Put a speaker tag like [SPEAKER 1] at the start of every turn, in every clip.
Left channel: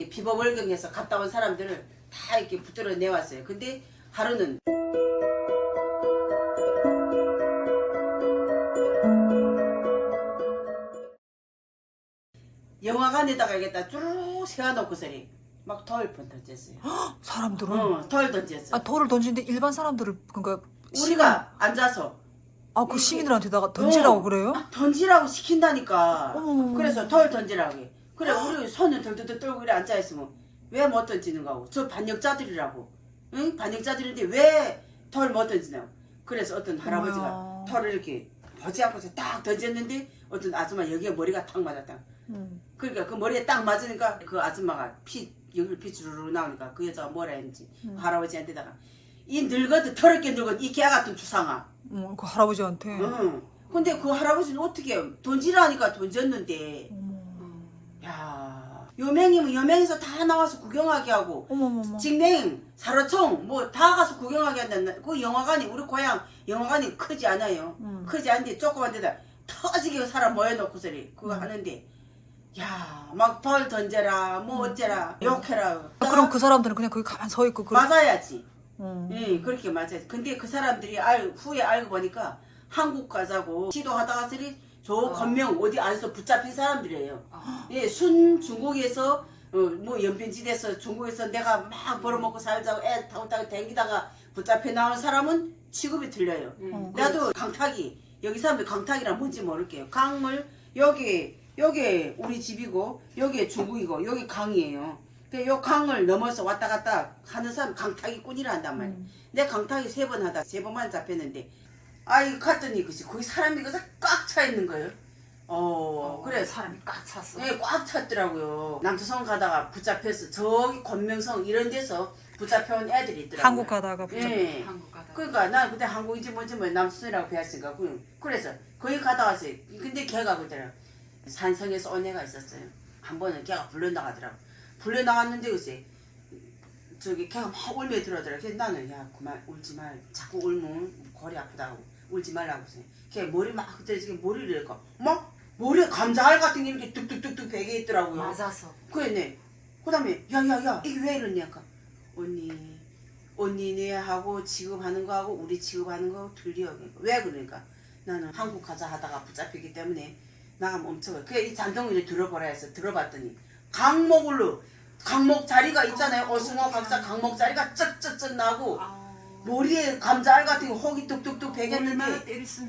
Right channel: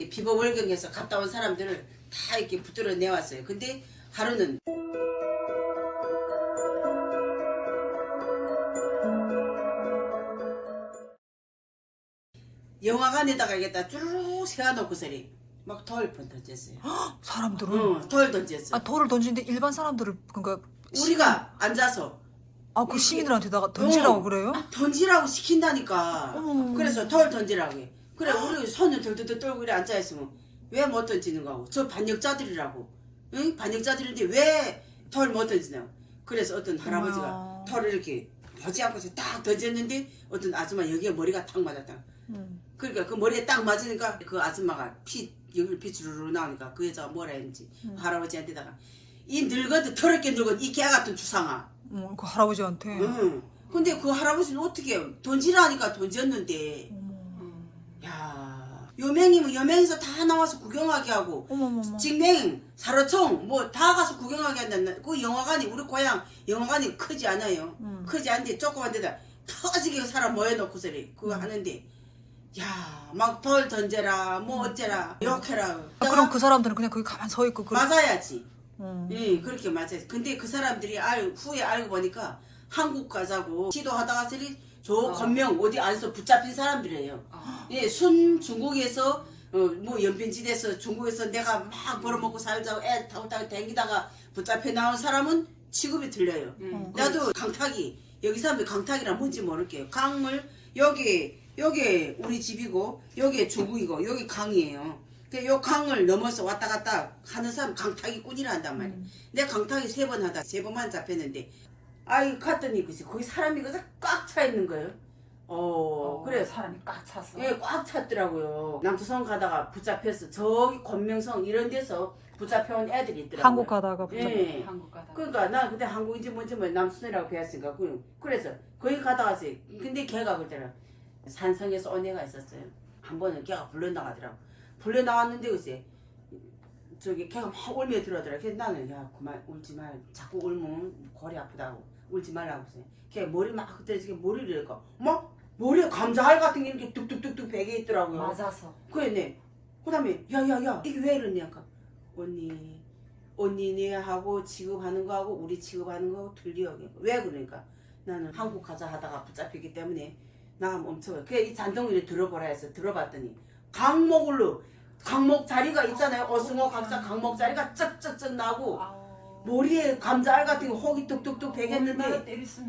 [SPEAKER 1] 비범월경에서 갔다 온 사람들을 다 이렇게 붙들어 내왔어요. 근데 하루는 영화관에다가 이겠다 쭉 세워놓고서니 막 돌 던졌어요.
[SPEAKER 2] 사람들은?
[SPEAKER 1] 돌 던졌어요.
[SPEAKER 2] 아, 돌을 던지는데 일반 사람들을, 그러니까.
[SPEAKER 1] 우리가 앉아서
[SPEAKER 2] 아, 그 시민들한테다가 던지라고 그래요?
[SPEAKER 1] 던지라고 시킨다니까.
[SPEAKER 2] 어머머머.
[SPEAKER 1] 그래서 돌 던지라고 해. 그래 우리 손을 들들들 떨고 이래 앉아있으면 왜 못 던지는 거고. 저 반역자들이라고. 응? 반역자들인데 왜 돌 못 던지냐고. 그래서 어떤 할아버지가
[SPEAKER 2] 어머야.
[SPEAKER 1] 돌을 이렇게 보지 않고서 딱 던졌는데 어떤 아줌마 여기에 머리가 딱 맞았다. 그러니까 그 머리에 딱 맞으니까 그 아줌마가 여기를 피 주르르 나오니까 그 여자가 뭐라 했는지 할아버지한테다가 이 늙어도 더럽게 늙은 이 개 같은 주상아.
[SPEAKER 2] 그 할아버지한테.
[SPEAKER 1] 응. 근데 그 할아버지는 어떻게 던지라니까 던졌는데. 야, 여맹이면 여맹에서 다 나와서 구경하게 하고.
[SPEAKER 2] 어머머머.
[SPEAKER 1] 직맹, 사로총 뭐 다 가서 구경하게 한다. 그 영화관이 우리 고향 영화관이 크지 않아요. 크지 않은데 조그만 데다 터지게 사람 모여놓고서리 그거 하는데. 야, 막 돌 던져라, 뭐 어째라, 욕해라.
[SPEAKER 2] 아, 그럼 그 사람들은 그냥 거기 가만 서 있고.
[SPEAKER 1] 맞아야지. 예, 그렇게 맞아야지. 근데 그 사람들이 후에 알고 보니까 한국 가자고 시도하다가 서리 저 건명 어디 안에서 붙잡힌 사람들이에요. 예, 중국에서 뭐 연변지대에서 중국에서 내가 막 벌어먹고 살자고 애 타고 댕기다가 붙잡혀 나온 사람은 취급이 틀려요. 나도 강타기 여기 사람들 강타기란 뭔지 모를게요. 강물 여기 우리 집이고 여기 중국이고 여기 강이에요. 근데 요 강을 넘어서 왔다 갔다 하는 사람 강타기꾼이라 한단 말이야. 내 강타기 3번 하다 3번만 잡혔는데 아이 갔더니 그치 거기 사람이 꽉 차 있는 거예요. 그래
[SPEAKER 3] 사람이 꽉 찼어.
[SPEAKER 1] 예, 꽉 찼더라고요. 남조선 가다가 붙잡혀서 저기 권명성 이런 데서 붙잡혀온 애들이 있더라고요.
[SPEAKER 2] 한국 가다가
[SPEAKER 1] 예.
[SPEAKER 3] 한국 가다가.
[SPEAKER 1] 그러니까 난 그때 한국인지 뭔지 뭐 남수선이라고 배웠으니까 그래서 거기 갔다 왔어요. 근데 걔가 그랬더라. 산성에서 온 애가 있었어요. 한 번은 걔가 불려나가더라고. 불려나갔는데 글쎄 저기 걔가 막 울며 들어오더라. 그래서 나는 야 그만 울지 말. 자꾸 울면 골이 아프다고 울지 말라고 했어요. 걔 머리 막 그때 머리를 이렇게 막 머리에 감자알 같은 게 이렇게 뚝뚝뚝뚝 베개 있더라고요.
[SPEAKER 3] 맞아서.
[SPEAKER 1] 그랬네. 그 다음에 야야야 이게 왜 이러냐니까 언니네 하고 취급하는 거하고 우리 취급하는 거 틀려. 왜 그러니까 나는 한국 가자 하다가 붙잡히기 때문에 나가면 엄청 그래 이 잔덩이를 들어보라 해서 들어봤더니 강목 자리가 있잖아요. 어승어 각자 강목 자리가 쩍쩍쩍 나고 머리에 감자알 같은 거 혹이 뚝뚝뚝 베겠는데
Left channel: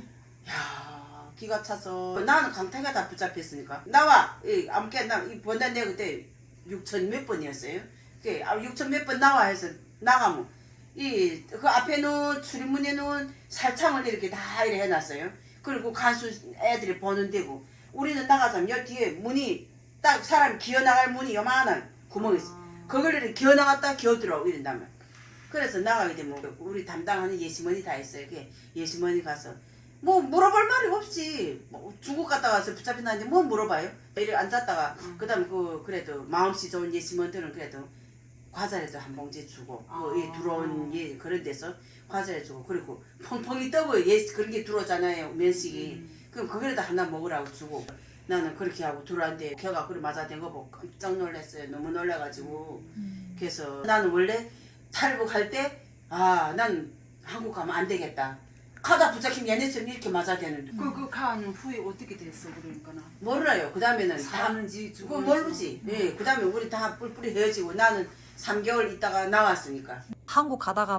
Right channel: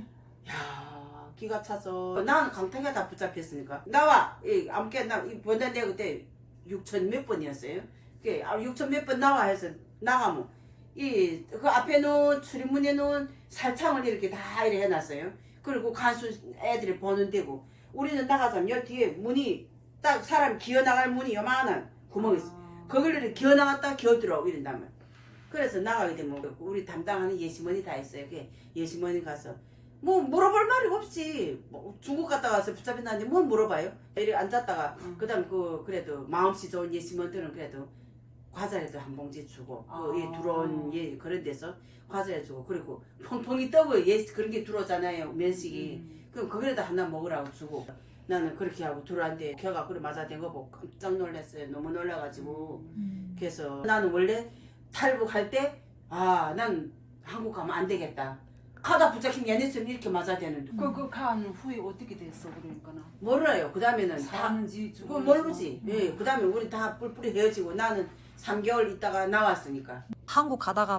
[SPEAKER 1] 야 기가 차서 나는 강타기가 다 붙잡혔으니까 나와 아무게 나이 번단대 그때 6천 몇 번이었어요. 그 6천 몇 번 나와 해서 나가면 그 앞에는 출입문에는 살창을 이렇게 다 이렇게 해놨어요. 그리고 간수 애들이 보는 데고 우리는 나가자면 여기 뒤에 문이 딱 사람 기어 나갈 문이 요만한 구멍이 있어. 그걸 이렇게 기어 나갔다 기어 들어오고 이런단 말이야. 그래서 나가게 되면 우리 담당하는 예시머니 다 있어요. 그 예시머니 가서 뭐 물어볼 말이 없지. 뭐 중국 갔다 와서 붙잡힌다는데 뭐 물어봐요? 이렇게 앉았다가 그다음 그래도 마음씨 좋은 예시머니들은 그래도 과자라도 한 봉지 주고 들어온 그런 데서 과자를 주고 그리고 펑펑이 떠고 그런 게 들어오잖아요. 면식이. 그럼 거기라도 하나 먹으라고 주고 나는 그렇게 하고 들어왔는데 걔가 그래 맞아댄 거 보고 깜짝 놀랐어요. 너무 놀라가지고 그래서 나는 원래 탈북할 때 난 한국 가면 안 되겠다. 가다 붙잡힌 얘네처럼 이렇게 맞아대는데
[SPEAKER 3] 간 후에 어떻게 됐어 그러니까는.
[SPEAKER 1] 몰라요. 그 다음에는
[SPEAKER 3] 사는지
[SPEAKER 1] 그거 모르지. 네, 그 다음에 우리 다 뿔뿔이 헤어지고 나는 3개월 있다가 나왔으니까.
[SPEAKER 2] 한국 가다가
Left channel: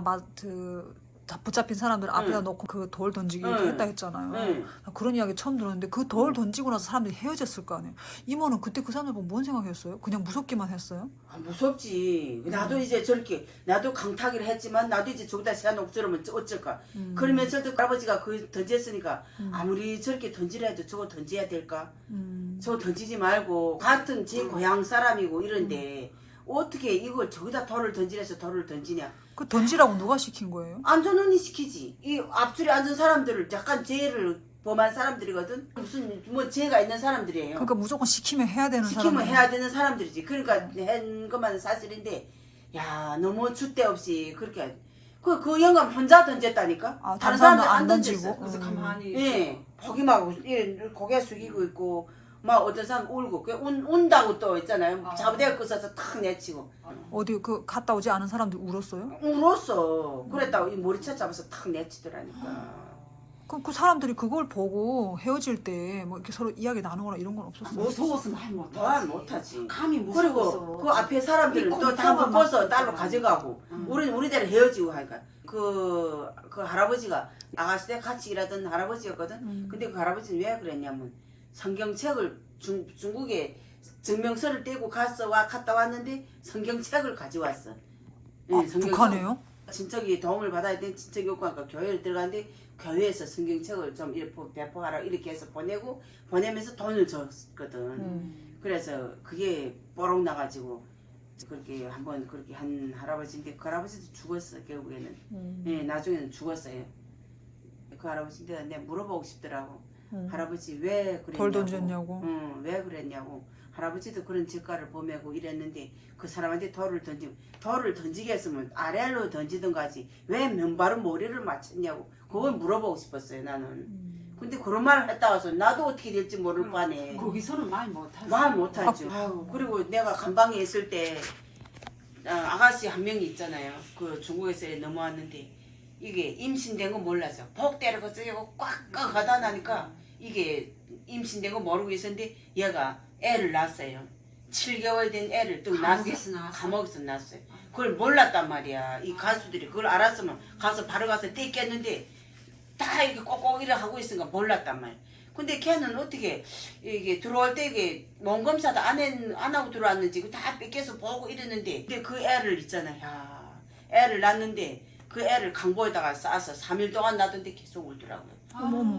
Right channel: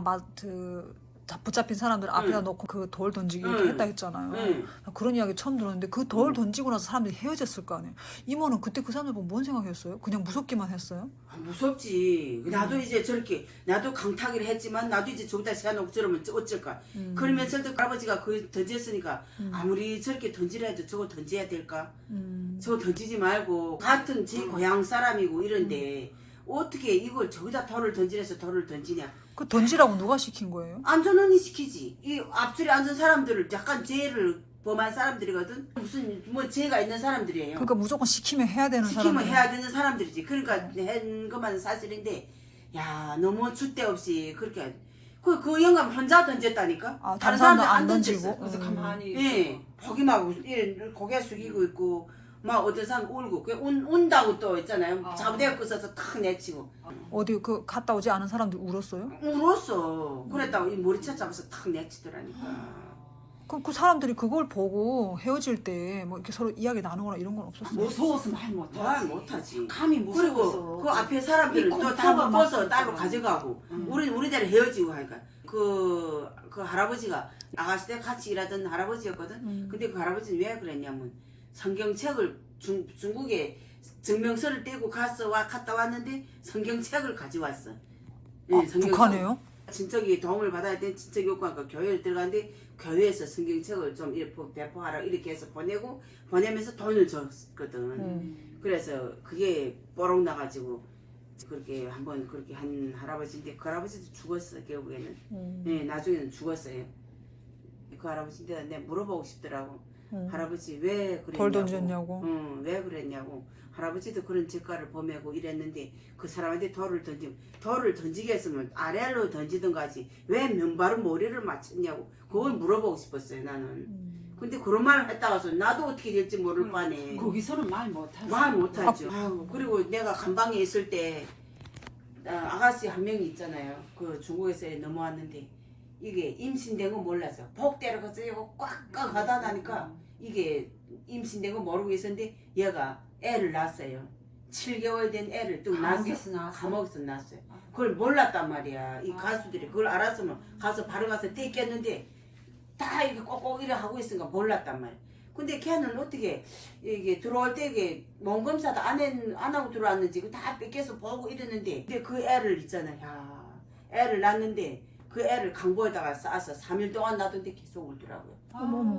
[SPEAKER 2] 붙잡힌 사람들 앞에다 놓고 그 돌 던지기 이렇게 했다 했잖아요. 그런 이야기 처음 들었는데 그 돌 던지고 나서 사람들이 헤어졌을 거 아니에요. 이모는 그때 그 사람들 보고 뭔 생각했어요? 그냥 무섭기만 했어요?
[SPEAKER 1] 무섭지. 나도 이제 저렇게 나도 강타기를 했지만 나도 이제 저기다 세워놓고 저러면 어쩔까. 그러면서도 아버지가 그 던졌으니까 아무리 저렇게 던지라 해도 저거 던져야 될까? 저거 던지지 말고 같은 제 고향 사람이고 이런데 어떻게 이걸 저기다 돌을 던지래서 돌을 던지냐.
[SPEAKER 2] 그 던지라고 누가 시킨 거예요?
[SPEAKER 1] 안전원이 시키지. 이 앞줄에 앉은 사람들을 약간 죄를 범한 사람들이거든. 무슨 뭐 죄가 있는 사람들이에요.
[SPEAKER 2] 그러니까 무조건 시키면 해야 되는
[SPEAKER 1] 시키면
[SPEAKER 2] 사람들.
[SPEAKER 1] 해야 되는 사람들이지. 그러니까 한 것만 사실인데 야 너무 줏대 없이 그렇게 그 영감 혼자 던졌다니까.
[SPEAKER 2] 다른 사람들 안
[SPEAKER 1] 던졌어.
[SPEAKER 2] 던지고.
[SPEAKER 3] 그래서 가만히
[SPEAKER 1] 예, 포기하고 고개 숙이고 있고 막 어떤 사람 울고 운다고 또 있잖아요. 자부대를 끊어서 탁 내치고
[SPEAKER 2] 어디 그 갔다 오지 않은 사람들 울었어요?
[SPEAKER 1] 울었어. 그랬다고 이 머리채 잡아서 탁 내치더라니까.
[SPEAKER 2] 그럼 그 사람들이 그걸 보고 헤어질 때 뭐 이렇게 서로 이야기 나누거나 이런 건 없었어요?
[SPEAKER 3] 무서워서 말 못하지.
[SPEAKER 1] 말 못하지.
[SPEAKER 3] 감이 무서워서.
[SPEAKER 1] 그리고 그 앞에 사람들은
[SPEAKER 3] 이
[SPEAKER 1] 또 다
[SPEAKER 3] 공포가
[SPEAKER 1] 묶어서
[SPEAKER 3] 막
[SPEAKER 1] 딸로
[SPEAKER 3] 있더라.
[SPEAKER 1] 가져가고 우리는 우리대로 헤어지고 하니까 그 할아버지가 아가씨 때 같이 일하던 할아버지였거든. 근데 그 할아버지는 왜 그랬냐면 성경책을 중국에 증명서를 떼고 갔다 왔는데 성경책을 가져왔어. 예, 성경책.
[SPEAKER 2] 북한에요?
[SPEAKER 1] 친척이 도움을 받아야 되는 친척이 없고 하니까 교회를 들어갔는데 교회에서 성경책을 좀 이렇게 배포하라 이렇게 해서 보내면서 돈을 줬거든. 그래서 그게 뽀록 나가지고 그렇게 한번 그렇게 한 할아버지인데 그 할아버지도 죽었어 결국에는. 예, 나중에는 죽었어요. 그 할아버지한테 내가 물어보고 싶더라고. 할아버지 왜 그랬냐고.
[SPEAKER 2] 돌 던졌냐고.
[SPEAKER 1] 왜 그랬냐고. 할아버지도 그런 젓가를 보매고 이랬는데 그 사람한테 돌을 던지게 했으면 아래로 던지든가 하지 왜 맨바로 머리를 맞췄냐고 그걸 물어보고 싶었어요 나는. 근데 그런 말을 했다가서 나도 어떻게 될지 모를 거 아네.
[SPEAKER 3] 거기서는 말 못하지.
[SPEAKER 1] 말 못하죠. 아유, 그리고 내가 감방에 있을 때 아가씨 한 명이 있잖아요. 그 중국에서 넘어왔는데 이게 임신된 거 몰라서 복대를 거쓰고 꽉꽉 하다 나니까 이게 임신된 거 모르고 있었는데 얘가 애를 낳았어요. 7개월 된 애를 또
[SPEAKER 3] 감옥에서 낳았어?
[SPEAKER 1] 감옥에서 낳았어요. 그걸 몰랐단 말이야. 이 가수들이 그걸 알았으면 가서 바로 가서 떼겠는데 다 이렇게 꼭꼭 이래 하고 있으니까 몰랐단 말이야. 근데 걔는 어떻게 이게 들어올 때 이게 몸 검사도 안 하고 들어왔는지 그거 다 뺏겨서 보고 이랬는데 근데 그 애를 있잖아. 야, 애를 낳는데 그 애를 강보에다가 싸서 3일 동안 놔둔데 계속 울더라고요.
[SPEAKER 2] 어머머.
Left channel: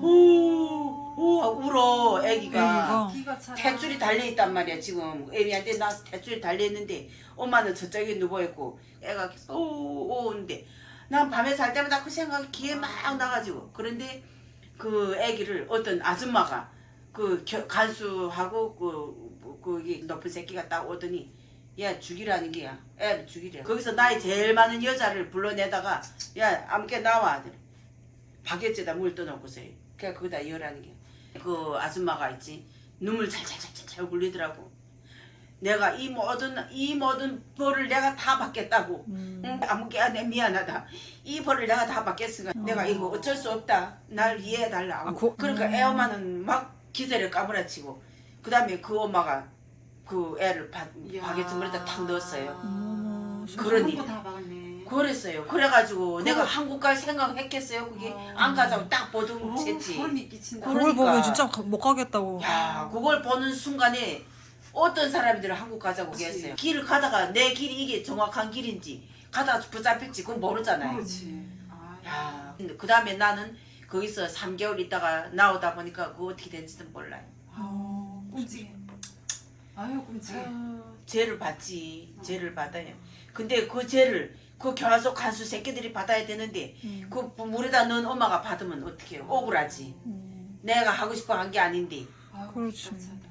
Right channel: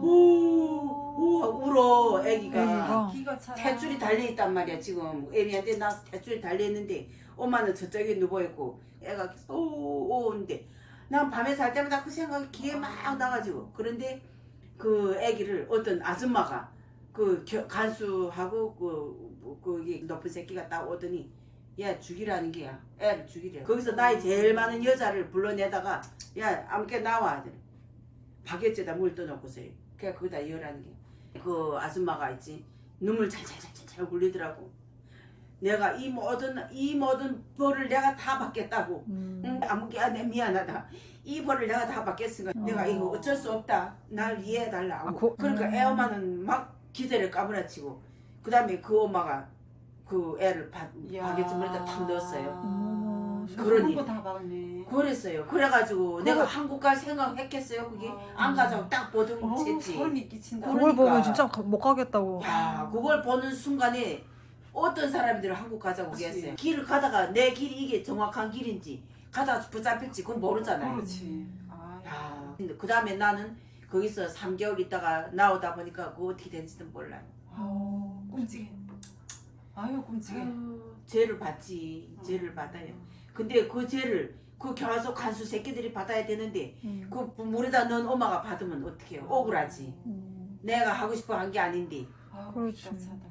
[SPEAKER 1] 오, 울어 애기가.
[SPEAKER 3] 기가 차라.
[SPEAKER 1] 탯줄이 달려있단 말이야 지금. 애미한테 나와서 탯줄이 달려있는데 엄마는 저쪽에 누워있고 애가 계속 오 오는데 난 밤에 잘 때마다 그 생각이 귀에 막 나가지고 그런데 그 애기를 어떤 아줌마가 그 간수하고 그 높은 새끼가 딱 오더니 야 죽이라는 게야. 애를 죽이래. 거기서 나이 제일 많은 여자를 불러내다가 야 암께 나와. 바게트에다 물 떠놓고서요. 그냥 거기다 열하는 게. 그 아줌마가 있지. 눈물 찰찰찰찰 굴리더라고. 내가 이 모든 벌을 내가 다 받겠다고. 응, 아무개야 내 미안하다. 이 벌을 내가 다 받겠으니까 내가 이거 어쩔 수 없다. 날 이해해달라. 그러니까 애 엄마는 막 기절을 까무라치고 그 다음에 그 엄마가 그 애를 바게트 물에다 탁 넣었어요. 그러니
[SPEAKER 3] 다 박네.
[SPEAKER 1] 그랬어요. 그래가지고 내가 한국 갈 생각했겠어요. 그게 안 가자고 딱 보든지.
[SPEAKER 3] 소름이 끼친다.
[SPEAKER 2] 그걸
[SPEAKER 1] 그러니까.
[SPEAKER 2] 보면 진짜 못 가겠다고.
[SPEAKER 1] 야, 그걸 보는 순간에 어떤 사람들은 한국 가자고 했어요. 길을 가다가 내 길이 이게 정확한 길인지 가다가 붙잡힐지 그건 모르잖아요.
[SPEAKER 3] 그렇지.
[SPEAKER 1] 야, 근데 그 다음에 나는 거기서 3개월 있다가 나오다 보니까 그거 어떻게 된지는 몰라요.
[SPEAKER 3] 끔찍해. 아유 끔찍해.
[SPEAKER 1] 죄를 받지. 죄를 받아요. 근데 그 죄를 그 교화소 간수 새끼들이 받아야 되는데 그 물에다 넣은 엄마가 받으면 어떡해요. 억울하지. 내가 하고 싶어 한 게 아닌데.
[SPEAKER 2] 그렇지.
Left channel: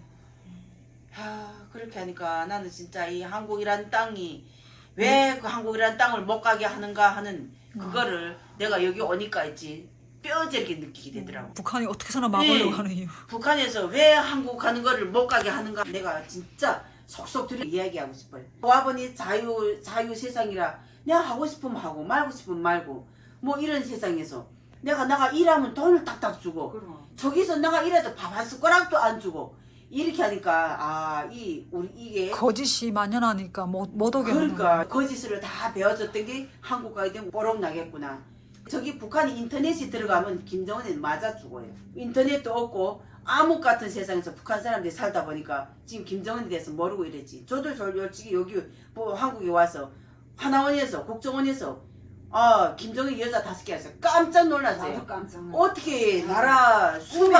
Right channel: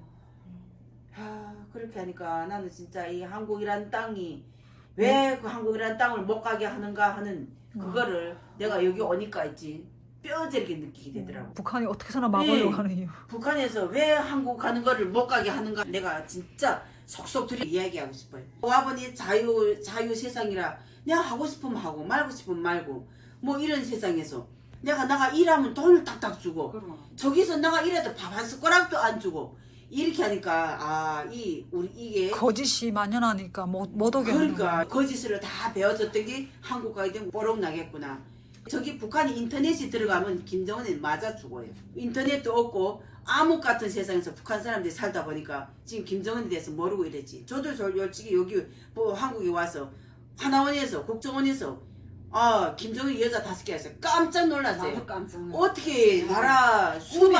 [SPEAKER 1] 그렇게 하니까 나는 진짜 이 한국이란 땅이 왜 그 한국이란 땅을 못 가게 하는가 하는 그거를 내가 여기 오니까 있지 뼈저리게 느끼게 되더라고.
[SPEAKER 2] 북한이 어떻게서나 막으려고 하는 이유.
[SPEAKER 1] 북한에서 왜 한국 가는 거를 못 가게 하는가 내가 진짜 속속 들이 이야기하고 싶어요. 와보니 자유 세상이라 내가 하고 싶으면 하고 말고 싶으면 말고 뭐 이런 세상에서 내가 일하면 돈을 딱딱 주고
[SPEAKER 3] 그럼.
[SPEAKER 1] 저기서 내가 일해도 밥 한 숟가락도 안 주고 이렇게 하니까 이게
[SPEAKER 2] 거짓이 만연하니까 못 오게 하는
[SPEAKER 1] 그러니까
[SPEAKER 2] 거야.
[SPEAKER 1] 거짓으로 다 배워졌던 게 한국 가게 되면 뽀록 나겠구나. 저기 북한이 인터넷이 들어가면 김정은은 맞아 죽어요. 인터넷도 없고 암흑 같은 세상에서 북한 사람들이 살다 보니까 지금 김정은에 대해서 모르고 이랬지. 저도 솔직히 여기 뭐 한국에 와서 하나원에서 국정원에서 김정은 여자 5개 했어요. 깜짝 놀랐어요.
[SPEAKER 3] 나도 깜짝 놀랐어.
[SPEAKER 1] 어떻게 나라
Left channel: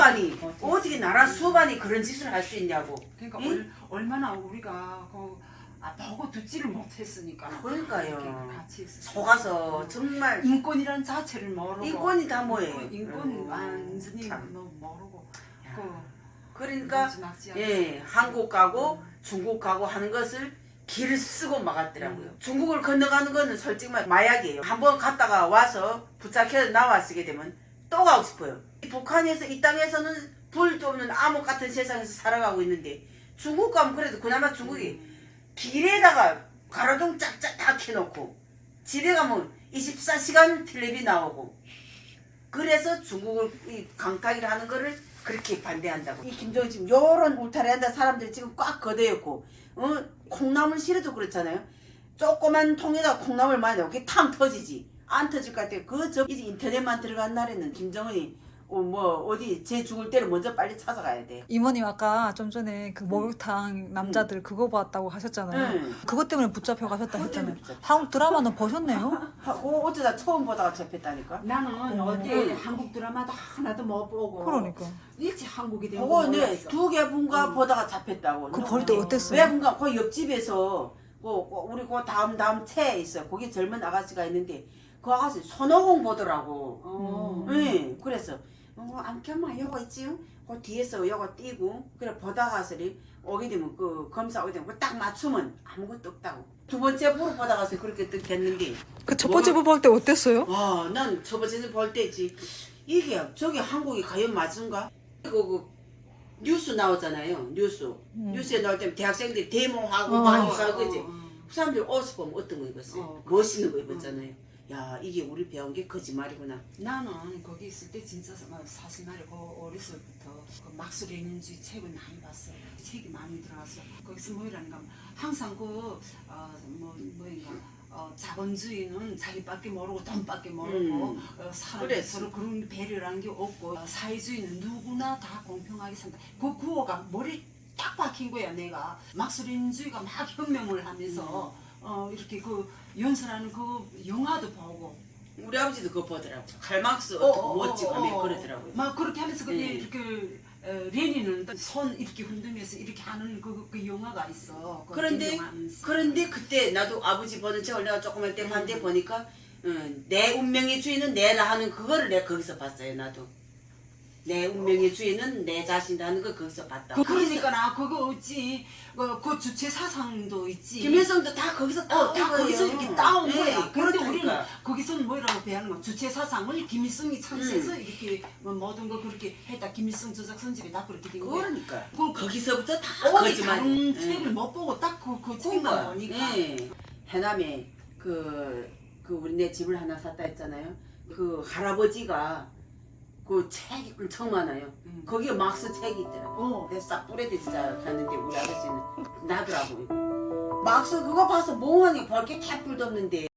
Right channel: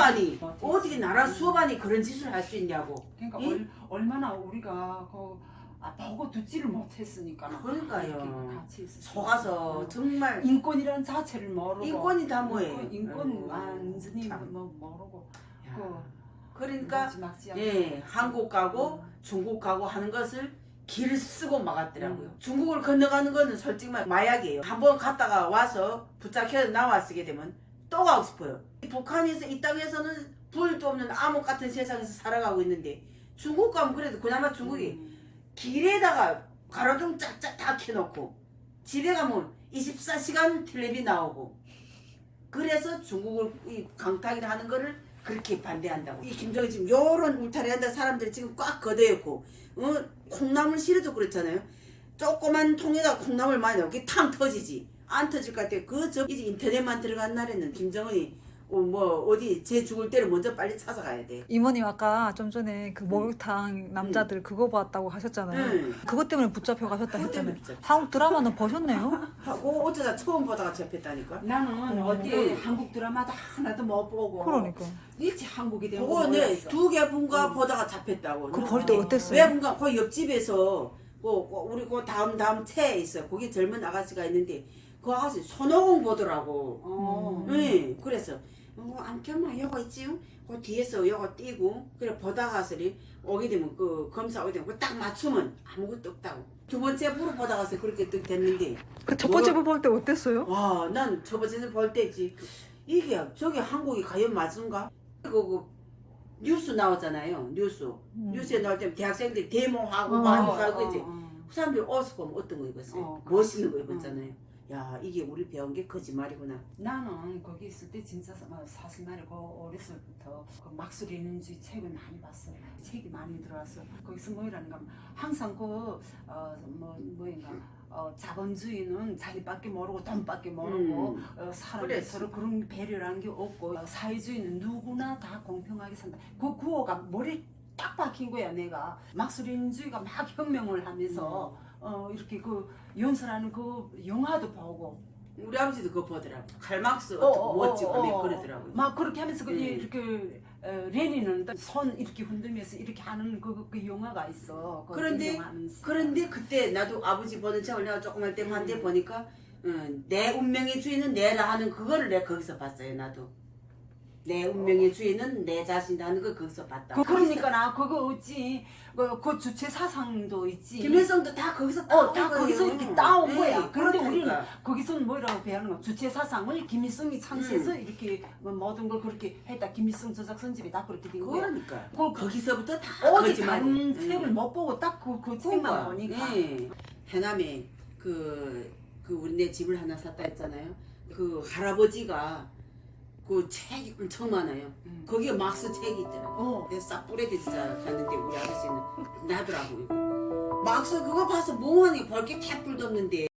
[SPEAKER 1] 수반이 그런 짓을 할 수 있냐고.
[SPEAKER 3] 그러니까
[SPEAKER 1] 응?
[SPEAKER 3] 얼마나 우리가 보고 듣지를 못했으니까.
[SPEAKER 1] 그러니까요.
[SPEAKER 3] 이렇게 같이 있었어요.
[SPEAKER 1] 속아서 정말
[SPEAKER 3] 인권이란 자체를 모르고.
[SPEAKER 1] 인권이 다 뭐예요?
[SPEAKER 3] 인권 완전히
[SPEAKER 1] 참.
[SPEAKER 3] 모르고.
[SPEAKER 1] 그러니까 한국 가고 중국 가고 하는 것을 길을 쓰고 막았더라고요. 중국을 건너가는 거는 솔직히 말 마약이에요. 한번 갔다가 와서 붙잡혀 나왔게 되면 또 가고 싶어요. 북한에서 이 땅에서는 불도 없는 암흑 같은 세상에서 살아가고 있는데 중국 가면 그래도 그나마 중국이 길에다가 가로등 짝짝 다 켜놓고 집에 가면 24시간 텔레비 나오고 그래서 중국을 이 강타기를 하는 거를 그렇게 반대한다고. 이 김정은 지금 요런 울타리 한다 사람들이 지금 꽉 걷어있고 콩나물 실어도 그렇잖아요. 조그만 통에다 콩나물 많이 넣고 그게 탕 터지지. 안 터질 것 같아요. 이제 인터넷만 들어간 날에는 김정은이 어디 쟤 죽을 때를 먼저 빨리 찾아가야 돼.
[SPEAKER 2] 이모님 아까 좀 전에 그 목욕탕 남자들 그거 봤다고 하셨잖아요. 그것 때문에 붙잡혀 가셨다 했잖아요. 한국 드라마는 보셨네요?
[SPEAKER 1] 어쩌다 처음 보다가 접했다니까.
[SPEAKER 3] 나는 어디 한국 드라마도 하나도 못 보고.
[SPEAKER 2] 그러니까.
[SPEAKER 3] 일찍 한국이 된 거
[SPEAKER 1] 그거 네
[SPEAKER 3] 몰랐어.
[SPEAKER 1] 2개 분가 보다가 잡혔다고.
[SPEAKER 2] 그거 볼 때 어땠어요?
[SPEAKER 1] 왜 분가 그 옆집에서 우리 그 다음 채에 있어. 거기 젊은 아가씨가 있는데 그 아가씨 손오공 보더라고. 네, 그래서 암켜마 여거 있지요? 그 뒤에서 여거 띄고 그래 보다가서리 오게 되면 그 검사 오게 되면 딱 맞추면 아무것도 없다고. 두 번째 부로 보다가서 그렇게 됐는데.
[SPEAKER 2] 그 첫 번째 볼 때 어땠어요?
[SPEAKER 1] 난 첫 번째 볼 때지. 이게 저기 한국이 과연 맞은가? 그 뉴스 나오잖아요. 뉴스에 나올 때 대학생들이 데모하고 막 그지. 그 사람들이 옷을 보면 어떤 거 입었어요? 멋있는 거 입었잖아요. 야 이게 우리 배운 게 거짓말이구나.
[SPEAKER 3] 나는 거기 있을 때 진짜 사실 말이고 어렸을 때부터 그 막술에 있는 주 책을 많이 봤어. 책이 많이 들어왔어. 거기서 뭐라는가 하면 항상 뭐인가 자본주의는 자기밖에 모르고 돈밖에 모르고 사람이
[SPEAKER 1] 그래.
[SPEAKER 3] 서로 그런 배려라는 게 없고 사회주의는 누구나 다 공평하게 산다. 그 구호가 머리 딱 박힌 거야. 내가 막술인주의가 막 혁명을 하면서 이렇게 그 연설하는 그 영화도 보고
[SPEAKER 1] 우리 아버지도 그거 보더라고. 칼막스 어떻게 멋지고 그러더라고요.
[SPEAKER 3] 막 그렇게 하면서 이렇게 레닌은 손 이렇게 흔들면서 이렇게 하는 그 영화가 있어.
[SPEAKER 1] 그런데 그때 나도 아버지 보는 책을 내가 조그만 때 봤는데 보니까 내 운명의 주인은 내라 하는 그거를 내가 거기서 봤어요. 나도. 내 운명의 주인은 내 자신이다 하는 걸 거기서 봤다.
[SPEAKER 3] 그러니까 나 그거 있지. 그 주체 사상도 있지.
[SPEAKER 1] 김일성도 다 거기서 따온
[SPEAKER 3] 다
[SPEAKER 1] 거예요.
[SPEAKER 3] 거기서 이렇게 따온
[SPEAKER 1] 네,
[SPEAKER 3] 거야. 그런데
[SPEAKER 1] 그렇다니까.
[SPEAKER 3] 우리는 거기서는 뭐라고 배우는 거야? 주체 사상을 김일성이 창시해서 이렇게 모든 걸 그렇게 했다. 김일성 저작 선집이 다 그렇게 된 거야.
[SPEAKER 1] 그러니까.
[SPEAKER 3] 그
[SPEAKER 1] 거기서부터 다
[SPEAKER 3] 어디
[SPEAKER 1] 거짓말.
[SPEAKER 3] 다른 책을 못 보고 딱 그 책만 보니까.
[SPEAKER 1] 해남에 우리 내 집을 하나 샀다 했잖아요. 그 할아버지가 그 책이 엄청 많아요. 거기에 막스 책이 있더라고. 내가 싹 뿌레듯이 갔는데 우리 아저씨는 나더라고. 막스 그거 봐서 멍하니 볼게 캡뿔도 없는데